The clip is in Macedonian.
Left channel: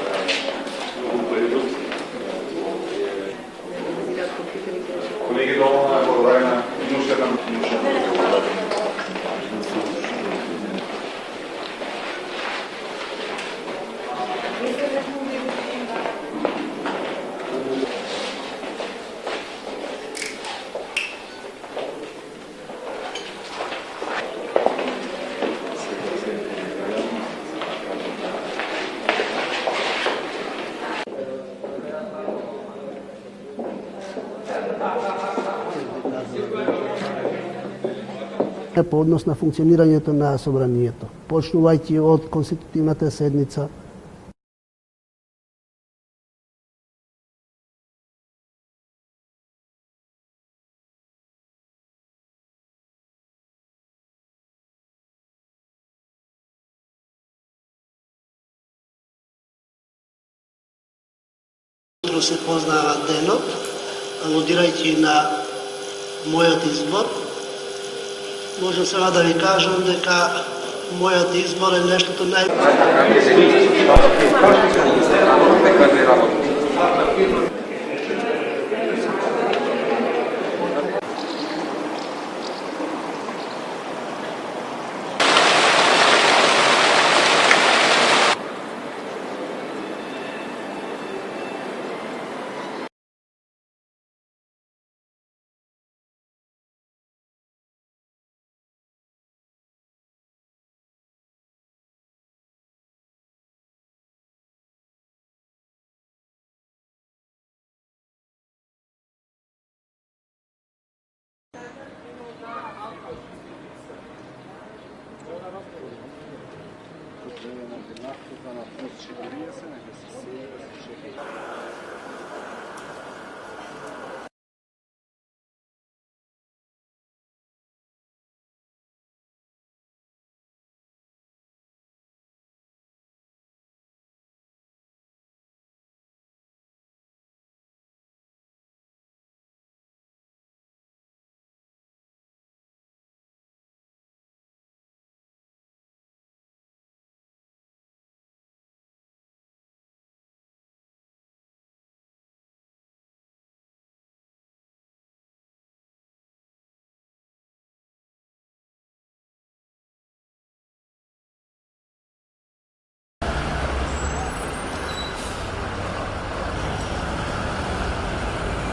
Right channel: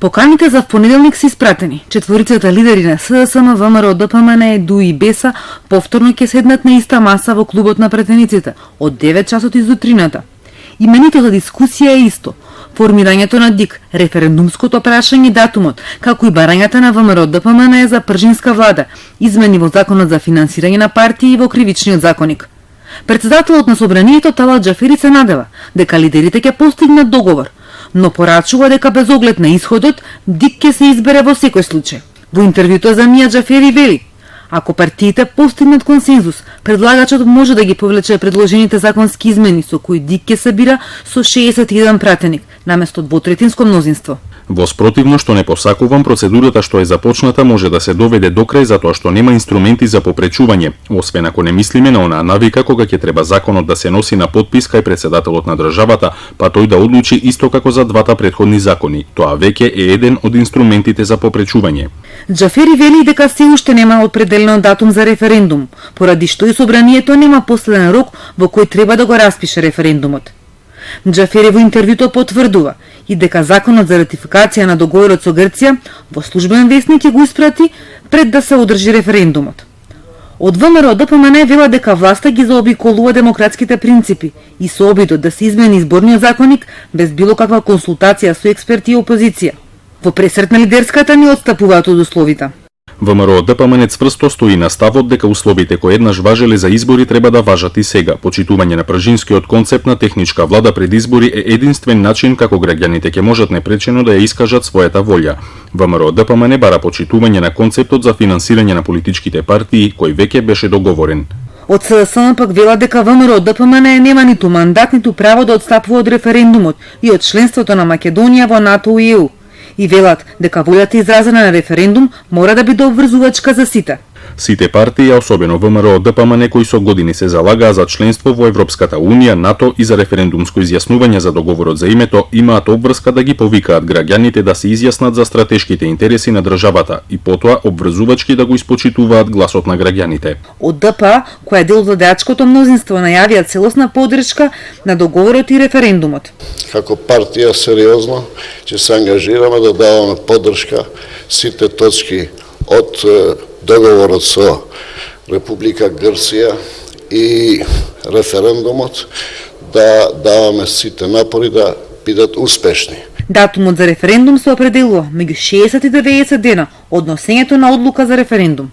Поканите за понеделник се испратени. Четворицата лидери на СДСМ, ВМРО, ДПМН, ДУ и БЕСА повторно ќе седнат на иста маса во клубот на претениците од 9 часот изутрината. Именито за дискусија е исто. Формирањето на ДИК, референдумското прашање и датумот, како и барањата на ВМРО ДПМН за пржинска влада, измени во законот за финансирање на партии и во кривичниот законник. Председателот на собранието Талат Џафери се надева дека лидерите ќе постигнат договор, но порачува дека без оглед на исходот, ДИК ќе се избере во секој случај. Во интервјуто за Мија Џафери вели: ако партиите постигнат консензус, предлагачот може да ги повлече предложените законски измени со кои ДИК ќе събира со 61 пратеник, наместо двотретинско мнозинство. Во спротивно што не посакувам, процедурата што е започната може да се доведе до крај затоа што нема инструменти за попречување, освен ако не мислиме на онаа навика кога ќе треба законот да се носи на подпис кај председателот на државата, па тој да одлучи исто како за двата претходни закони. Тоа веќе е еден од инструментите за попречување. Џафери вели дека се уште нема определен датум за референдум, поради што и собранието нема последен рок во кој треба да го распише референдумот. Џафери во интервјуто потврдува и дека законот за ратификација на договорот со Грција по службен весник ќе го испрати пред да се одржи референдумот. Од ВМРО ДПМН вела дека власта ги заобиколува демократските принципи и со обидот да се измени изборниот законник без било каква консултација со експерти и опозиција. Во пресрет на лидерската ни отстапуваат од условите. ВМРО ДПМН цврсто стои на ставот дека условите кои еднаш важеле за избори треба да важат и сега. Почитување на пржинскиот концепт на техничка влада пред избори е единствен начин како граѓаните ќе можат непречено да ја искажат својата волја. ВМРО ДПМН бара почитување на концептот за финансирање на политичките партии кој веќе беше договорен. Од СДСМ пак вела дека ВМРО ДПМН нема ниту мандат, ниту право да отстапува од референдумот и од членството на Македонија во НАТО и ЕУ. И велат дека волјата изразена на референдум мора да биде обврзувачка за сите. Сите партии, особено ВМРО ДПМН, кои со години се залагаа за членство во Европската Унија, НАТО и за референдумско изјаснување за договорот за името, имаат обврска да ги повикаат граѓаните да се изјаснат за стратешките интереси на државата и потоа обврзувачки да го испочитуваат гласот на граѓаните. Од ДПА, која е дел од владеачкото мнозинство, најавија целосна поддршка на договорот и референдумот. Како партија сериозно ќе се ангажираме да даваме поддршка сите точки од договорот со Република Грција и референдумот, да даваме сите напори да бидат успешни. Датумот за референдум се определува меѓу 60 и 90 дена од носењето на одлука за референдум.